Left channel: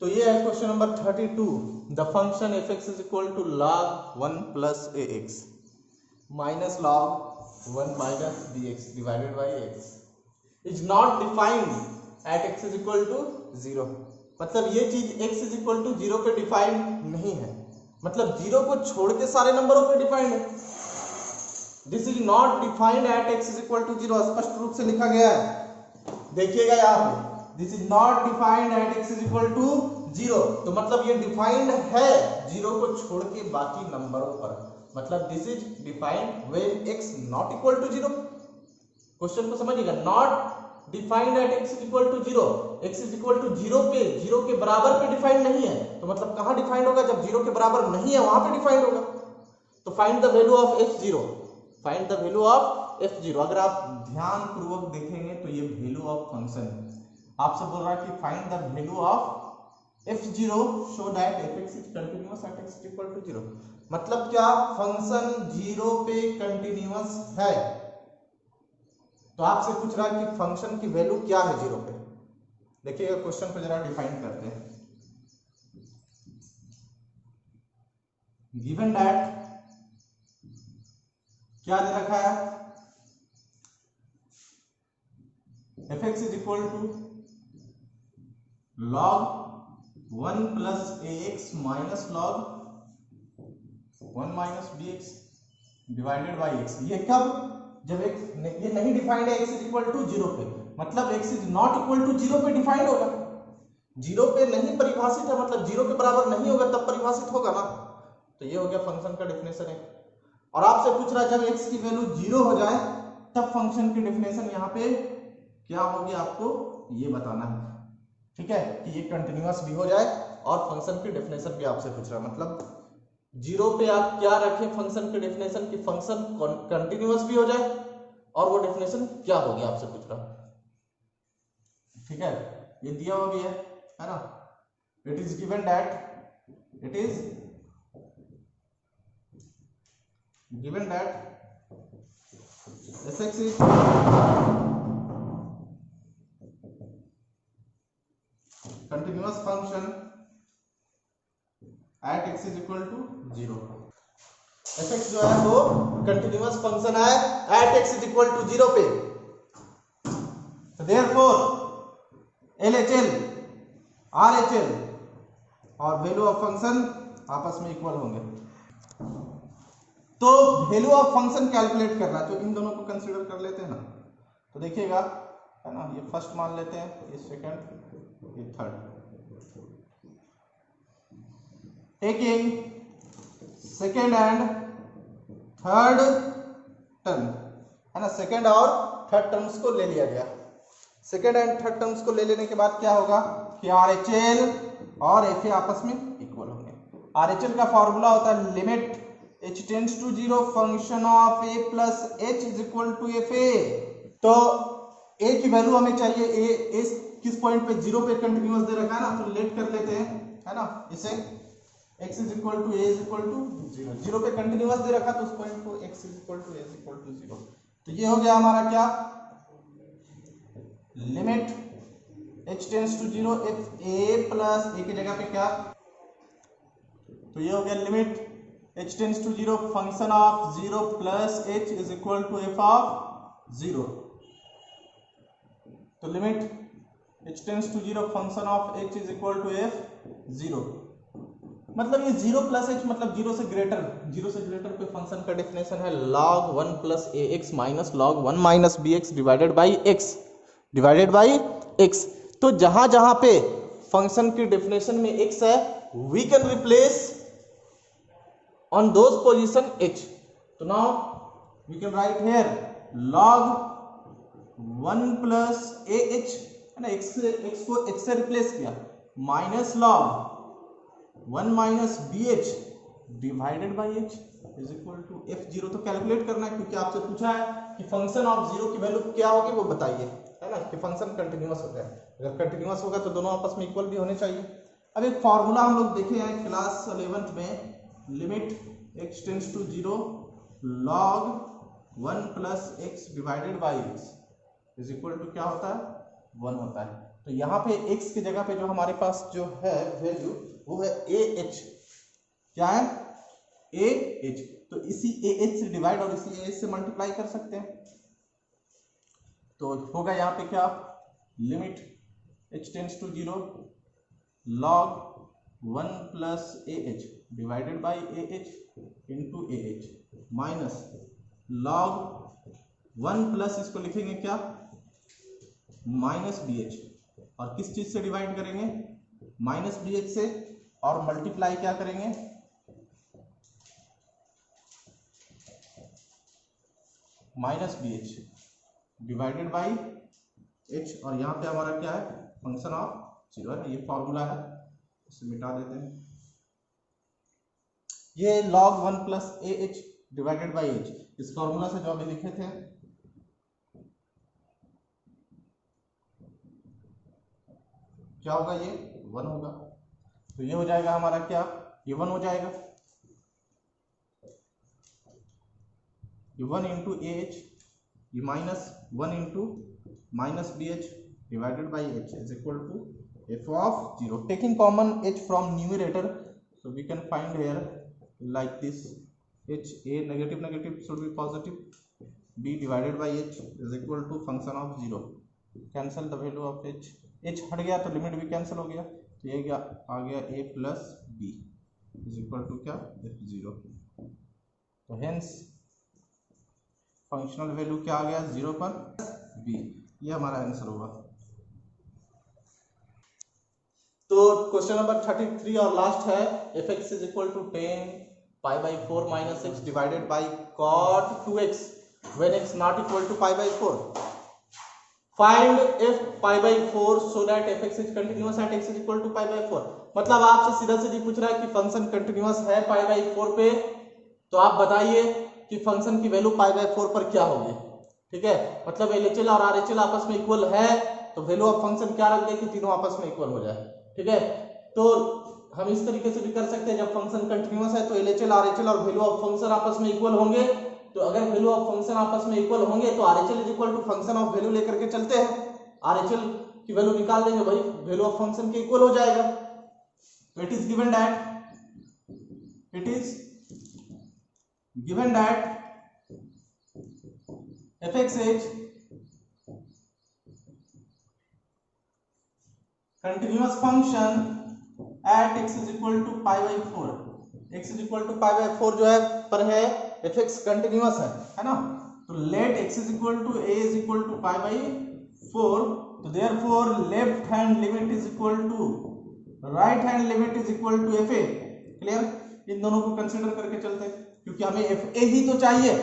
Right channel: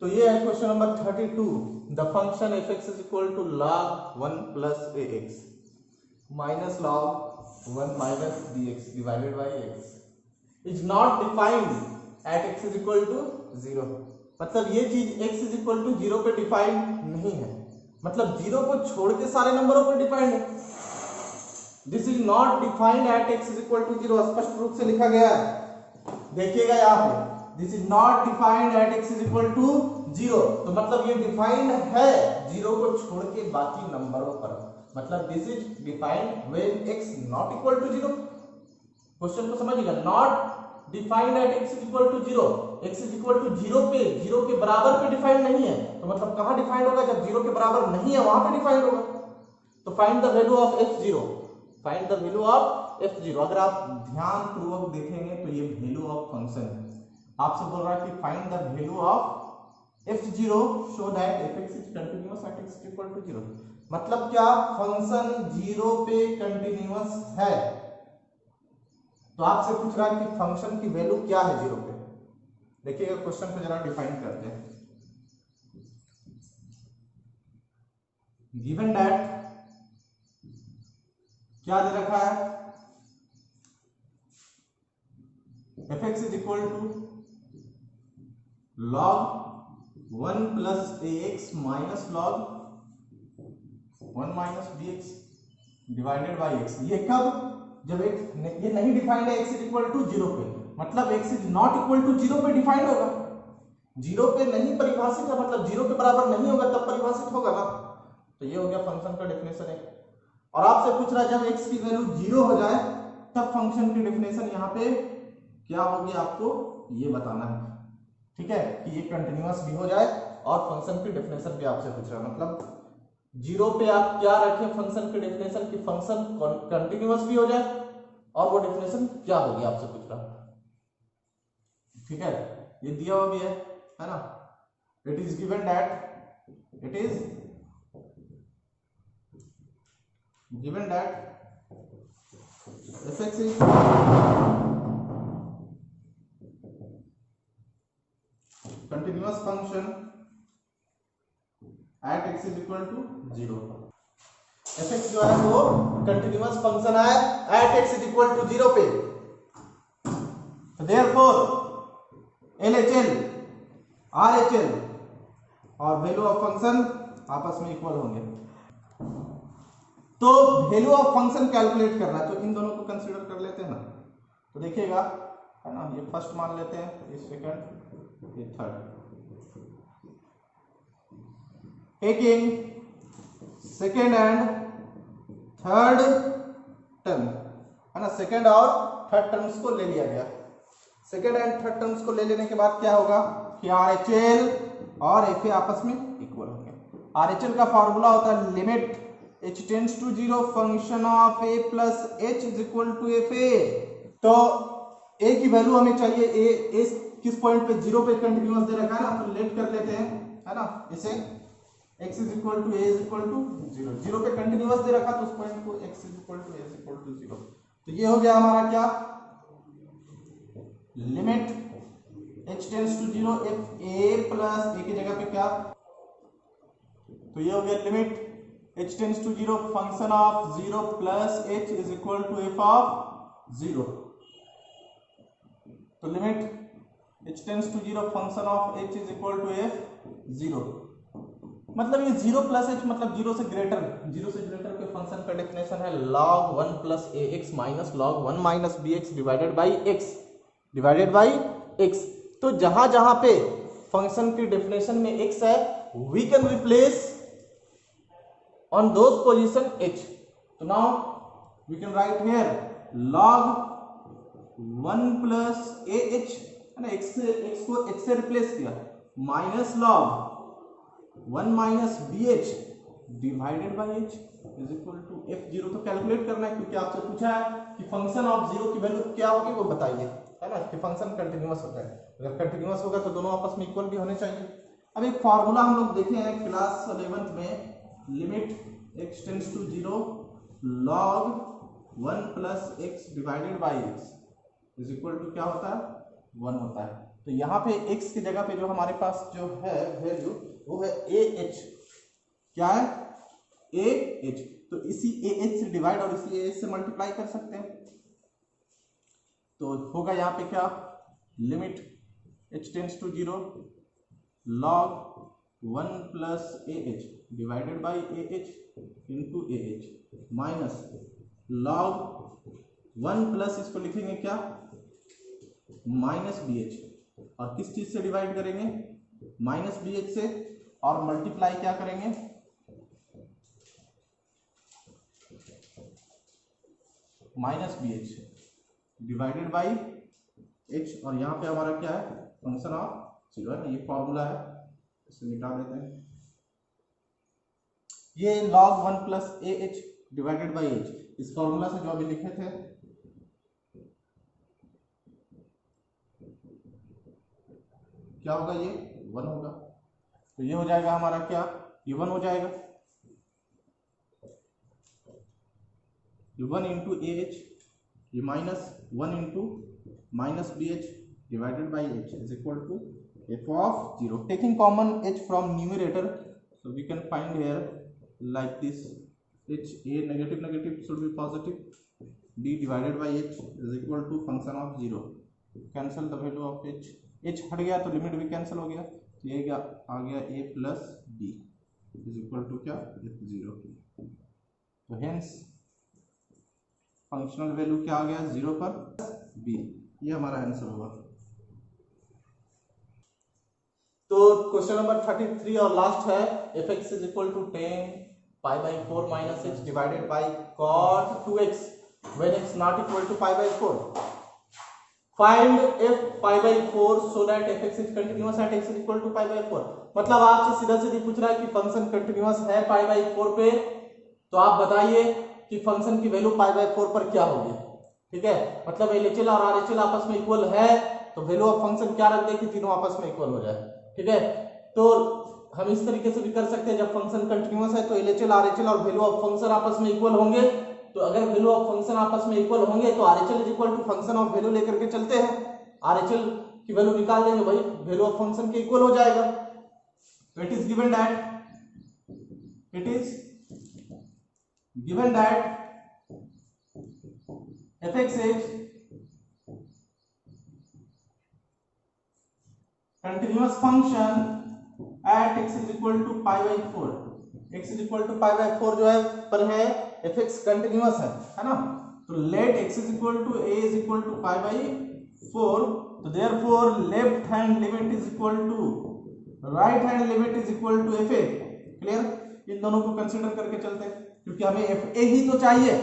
तो ये है question number 32। The function f x is equal to log 1 plus a x minus log 1 minus d x divided by x is not defined at x is equal to 0। मतलब ये चीज x is equal to 0 पे defined नहीं है, मतलब 0 को छोड़ के सारे नंबरों पे डिफाइंड है। This is not defined at x is equal to 0, स्पष्ट रूप से लिखा गया है, देखिएगा यहाँ पे, this is not defined at x is equal to 0। तो मतलब ये डिफाइंड है 0 को छोड़ के बाकी नंबरों पर, मतलब this is defined when x not equal to 0। Question को समझिएगा, not defined at x is equal to 0, x is equal to 0 पे, 0 के बराबर पे डिफाइंड नहीं है, तो मतलब कहां डिफाइंड होगा, जब 0 के बराबर नहीं है वहां पे डिफाइंड होगा। तो find the value of f0, find the value of f0। अगर आप ध्यान पूर्वक देखेंगे तो ये वैल्यू ऑफ फंक्शन आपसे बोल रहा है कि find the value of f0 so that f(x) is continuous at x equal to 0। मतलब क्या, फंक्शन 0 पे कंटीन्यूअस है, तो आपसे पूछ रहा है कि फंक्शन की वैल्यू क्या है 0 पे। देखिएगा क्वेश्चन को जरा डिफाइन करते हैं। गिवन दैट क्या दे रखा है, f(x) is equal to log 1 plus ax minus log 1 minus bx divided by x। ये कब, जब ये नहीं डिफाइंड है x इज इक्वल टू 0 पे, मतलब x is not equal to 0 पे डिफाइंड होगा। 0 पे नहीं परिभाषित है, मतलब 0 के बराबर नहीं होगा तब परिभाषित होगा ना। तो ये हो गया फंक्शन का डेफिनेशन है। और आपसे पूछ रहा है जब x की वैल्यू 0 हो जाए तब फंक्शन की डेफिनेशन यहाँ पे क्या होगी, आपको ये बताना है, ठीक है, कि ये कंटिन्यूअस भी हो जाए और फंक्शन की डेफिनेशन भी आपसे पूछ रहा है। मतलब 0 पे आप क्या रखें फंक्शन की डेफिनेशन, की फंक्शन कंटिन्यूअस भी हो जाए, और वो डेफिनेशन क्या होगी आपसे पूछ रहा है, ठीक है। ये दिया हुआ भी है ना, it is given that, it is given that f(x) is continuous function at x is equal to 0। f(x) जो है वो कंटिन्यूअस फंक्शन है at x is equal to 0 पे। तो therefore LHL RHL और वैल्यू ऑफ फंक्शन आपस में equal होंगे। तो वैल्यू ऑफ फंक्शन कैलकुलेट करना है, तो इन दोनों को कंसीडर कर लेते हैं ना। तो देखिएगा, है ना, ये फर्स्ट मान लेते हैं, ये सेकंड, ये third. Taking second and third term, है ना, सेकंड और थर्ड टर्म्स को ले लिया गया। सेकंड एंड थर्ड टर्म्स को ले लेने के बाद क्या होगा कि RHL और FA आपस में इक्वल होंगे। RHL का फॉर्मूला होता है limit h tends to 0 function of a plus h is equal to fa। तो a की वैल्यू हमें चाहिए, a किस पॉइंट पे 0 पे कंटिन्यूअस दे रखा है ना, तो लेट कर लेते हैं, है ना, इसे x is equal to a is equal to 0, 0 पे कंटिन्यूअस दे रखा तो उस पॉइंट को x is equal to a is equal to 0। तो ये हो गया हमारा क्या, limit h tends to 0 if a plus a की जगह पे क्या, तो ये हो गया limit h tends to 0 function of 0 plus h is equal to f of 0। तो limit h tends to 0 function of h is equal to f 0। मतलब ये 0 प्लस h मतलब 0 से ग्रेटर के फंक्शन का डेफिनेशन है log 1 plus ax minus log 1 minus bx divided by x। तो जहां जहां पे फंक्शन की डेफिनेशन में x है, we can replace on those position h। तो now we can write here log 1 plus ah, है ना, x को h से रिप्लेस किया, माइनस log 1 माइनस bh divided by h is equal to f0। तो कैलकुलेट करना है, क्योंकि आपसे पूछा है कि फंक्शन ऑफ 0 की वैल्यू क्या होगी, वो बताइए, है ना, कि फंक्शन कंटिन्यूअस होता है। अगर कंटिन्यूअस होगा तो दोनों आपस में इक्वल भी होने चाहिए। अब एक फॉर्मूला हम लोग देखे हैं क्लास 11th में, limit x tends to 0 log 1 plus x divided by x is equal to क्या होता है, 1 होता है। तो तो यहाँ पे x की जगह पे जो हमारे पास जो है वैल्यू वो है ए एच। क्या है? A H. तो इसी ए एच से डिवाइड और इसी ए एच से मल्टीप्लाई कर सकते हैं। तो होगा यहाँ पे क्या, limit h tends to 0 log 1 plus a h divided by a h into a h minus log 1 plus इसको लिखेंगे क्या, माइनस बी एच, और किस चीज से डिवाइड करेंगे, माइनस बी एच से, और मल्टीप्लाई क्या करेंगे, minus b h divided by h, और यहाँ पे हमारा क्या है, फंक्शन ऑफ 0 है। ये फॉर्मूला है, इसे मिटा देते हैं। ये log 1 plus a h divided by H, इस फॉर्मूला से जो अभी लिखे थे, क्या होगा, ये 1 होगा। तो ये हो जाएगा हमारा क्या, ये 1 हो जाएगा, ये 1 इंटू ए एच, ये minus 1 into minus b h divided by h is equal to f of 0। Taking common h from numerator, so we can find here like this, h a negative negative should be positive, b divided by h is equal to function of 0, cancel the value of h, h हट गया तो limit भी cancel हो गया, तो ये क्या आ गया, a plus b is equal to क्या, f0। तो हेंस फंक्शनल वैल्यू क्या आ गया, 0 पर b, ये हमारा आंसर होगा। तो क्वेश्चन नंबर 33 और लास्ट है, f x is equal to 10 pi by 4 minus x divided by cot 2x when x not equal to pi by 4। Find f pi by 4 so that f x is continuous at x is equal to pi by 4। मतलब आपसे सीधा सीधी पूछ रहा है कि function continuous है पाई by 4 पे, तो आप बताइए कि फंक्शन की वैल्यू पाई बाई 4 पर क्या होगी। ठीक है, मतलब एलएचएल और आरएचएल आपस में इक्वल है, तो वैल्यू ऑफ फंक्शन क्या रख दे कि तीनों आपस में इक्वल हो जाए। ठीक है, तो हम इस तरीके से भी कर सकते हैं, जब फंक्शन कंटिन्यूअस है तो एलएचएल आरएचएल और वैल्यू ऑफ फंक्शन आपस में इक्वल होंगे। तो अगर वैल्यू ऑफ फंक्शन आपस में इक्वल होंगे तो RHL is equal to function of value लेकर के चलते हैं, आरएचएल की वैल्यू निकाल देंगे, भाई वैल्यू ऑफ फंक्शन के इक्वल हो जाएगा। तो it is given that fx is continuous function at x is equal to pi by 4, x is equal to pi by 4 जो है पर है, fx कंटिन्यूअस है ना। तो let x is equal to a is equal to pi by 4, तो therefore left hand limit is equal to right hand limit is equal to fa। Clear, इन दोनों को कंसीडर करके चलते हैं, क्योंकि हमें fa ही तो चाहिए,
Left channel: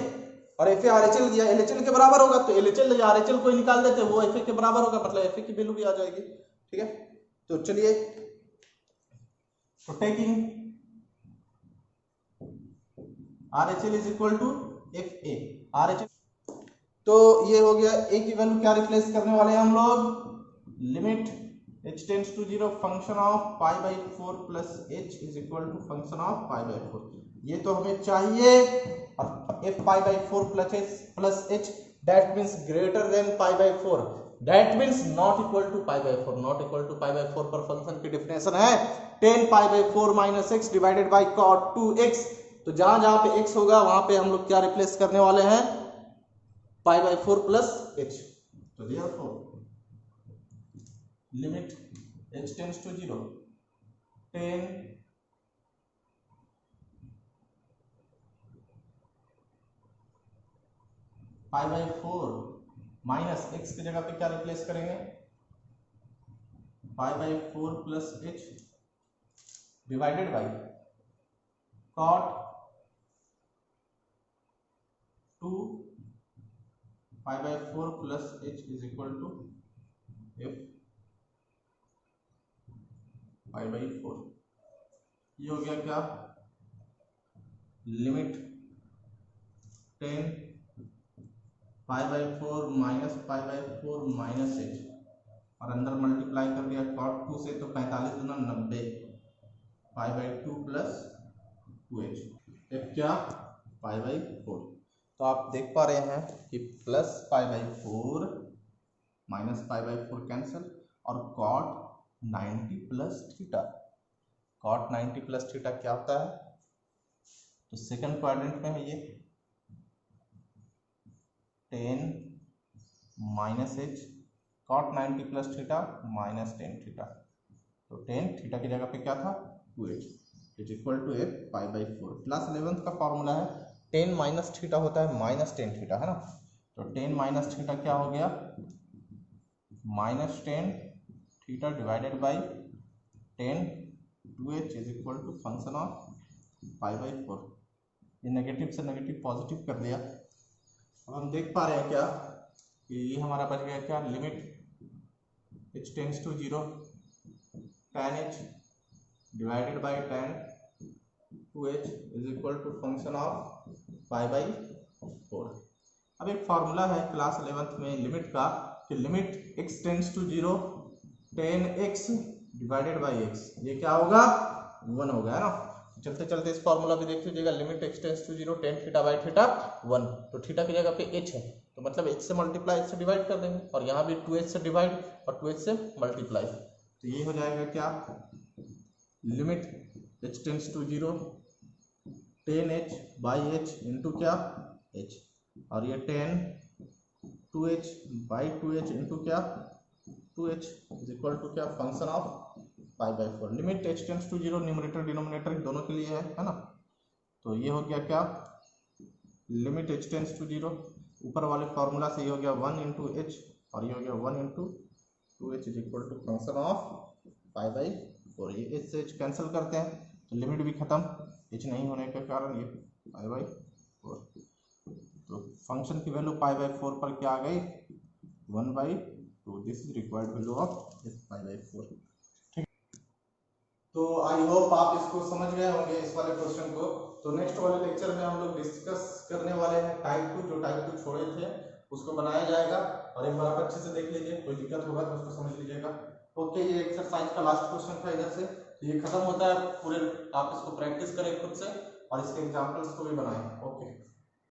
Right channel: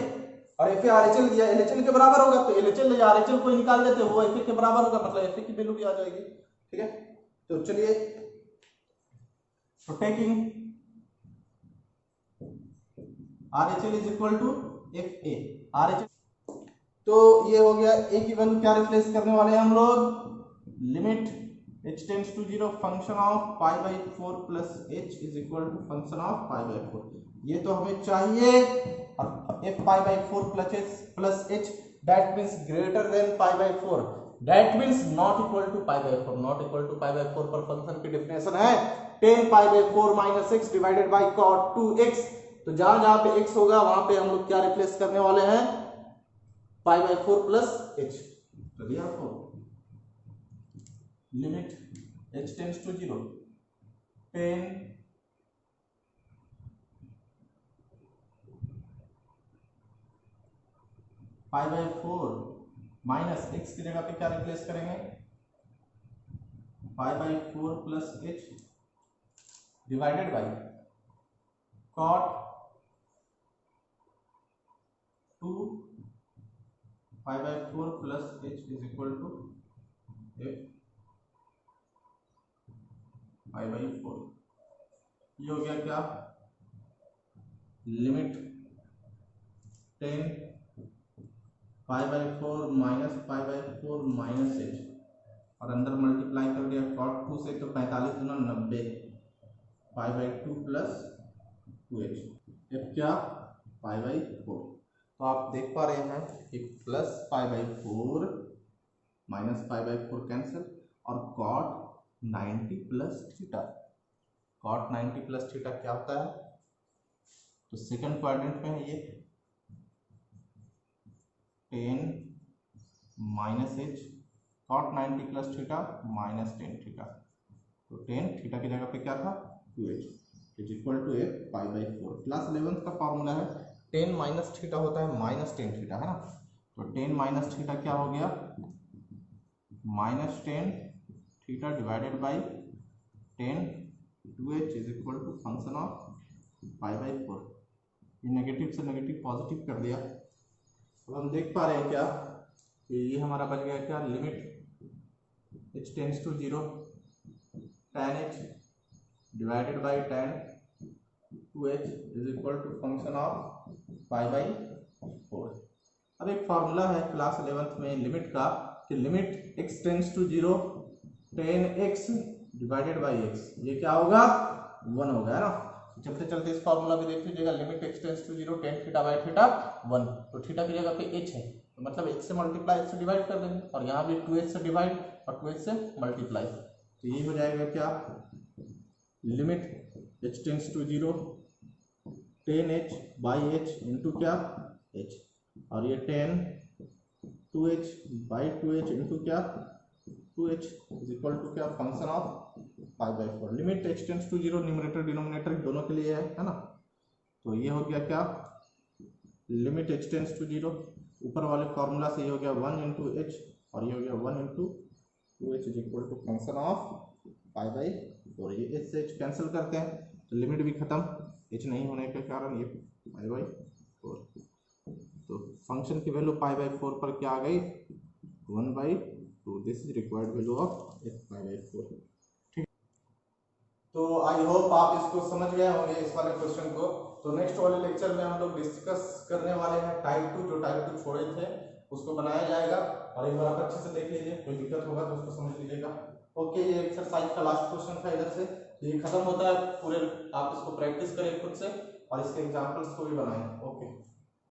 और एफ ए आरएचएल दिया, एलएचएल के बराबर होगा, तो एलएचएल या आरएचएल को निकाल देते हैं, वो एफ ए के बराबर होगा, मतलब एफ ए की वैल्यू भी आ जाएगी। ठीक है, तो चलिए, तो taking RHL is equal to F a RHL, तो ये हो गया, ए की वैल्यू क्या रिप्लेस करने वाले हैं हम लोग, limit h tends to 0 function of pi by 4 plus h is equal to function of pi by 4, ये तो हमें चाहिए। और f pi by 4 plus h that means greater than pi by 4, that means not equal to pi by 4, not equal to pi by 4 पर function की definition है 10 pi by 4 minus x divided by cot 2x। तो जहां जहां पे x होगा वहां पे हम लोग क्या रिप्लेस करने वाले हैं, पाई बाई 4 प्लस h। तो therefore limit h tends to 0 10 pi by 4 minus x की जगह पे क्या रिप्लेस करेंगे, pi by 4 plus h divided by cot 2 pi by 4 plus h is equal to f pi by 4। ये हो गया क्या, limit 10 pi by 4 minus pi by 4 minus h, और अंदर मल्टीप्लाई कर दिया cot 2 से, तो 45 गुना 90 pi by 2 plus 2h, f क्या, पाई बाई 4। तो आप देख पा रहे हैं कि plus pi by 4 minus pi by 4 cancel, और cot 90 plus theta. cot 90 plus theta क्या होता है? तो सेकंड क्वाड्रेंट में है ये 10 minus H, cot 90 plus theta minus 10 theta. तो 10 थीटा की जगह पे क्या था 2h is equal to f pi by 4। Class 11th का फॉर्मूला है 10 माइनस थीटा होता है माइनस 10 थीटा, है ना। तो 10 माइनस थीटा क्या हो गया minus 10 theta divided by 10 2h is equal to function of pi by 4। ये नेगेटिव से नेगेटिव पॉजिटिव कर दिया। अब हम देख पा रहे हैं क्या कि ये हमारा बच गया क्या limit h tends to 0 tan h divided by tan 2h is equal to function of pi by 4। अब एक फॉर्मूला है क्लास 11th में लिमिट का कि limit x tends to 0 tan x divided by x, ये क्या होगा 1 होगा, है ना। चलते चलते इस फॉर्मूला में देख लीजिएगा limit x tends to 0 tan theta by theta 1। तो थीटा की जगह पे h है तो मतलब h से मल्टीप्लाई h से डिवाइड कर देंगे और यहाँ भी 2h से डिवाइड और 2h से मल्टीप्लाई। तो ये हो जाएगा क्या limit h tends to 0 tan h by h into क्या h, और ये tan 2h by 2h into क्या 2h इज इक्वल टू क्या function of pi by 4। Limit h tends to 0 numerator denominator दोनों के लिए है ना। तो ये हो गया क्या लिमिट h टेंड्स टू 0, ऊपर वाले फॉर्मूला से ये हो गया 1 इंटू एच और ये हो गया 1 into 2h is equal to function of pi by 4। ये h से h कैंसिल करते हैं तो लिमिट भी खत्म, h नहीं होने के कारण ये पाई बाई 4। तो फंक्शन की वैल्यू पाई बाई 4 पर क्या आ गई 1/2। This is required value of f pi by 4। ठीक, तो आई होप आप इसको समझ गए होंगे इस वाले क्वेश्चन को। तो नेक्स्ट वाले लेक्चर में हम लोग डिस्कस करने वाले हैं टाइप 2, जो टाइप 2 छोड़े थे उसको बनाया जाएगा और एक बार आप अच्छे से देख लीजिए, कोई दिक्कत होगा तो उसको समझ लीजिएगा। ओके, ये एक्सरसाइज का लास्ट क्वेश्चन था इधर से, ये खत्म होता है पूरे। आप इसको प्रैक्टिस करें खुद से और इसके एग्जांपल्स को भी बनाएं। ओके।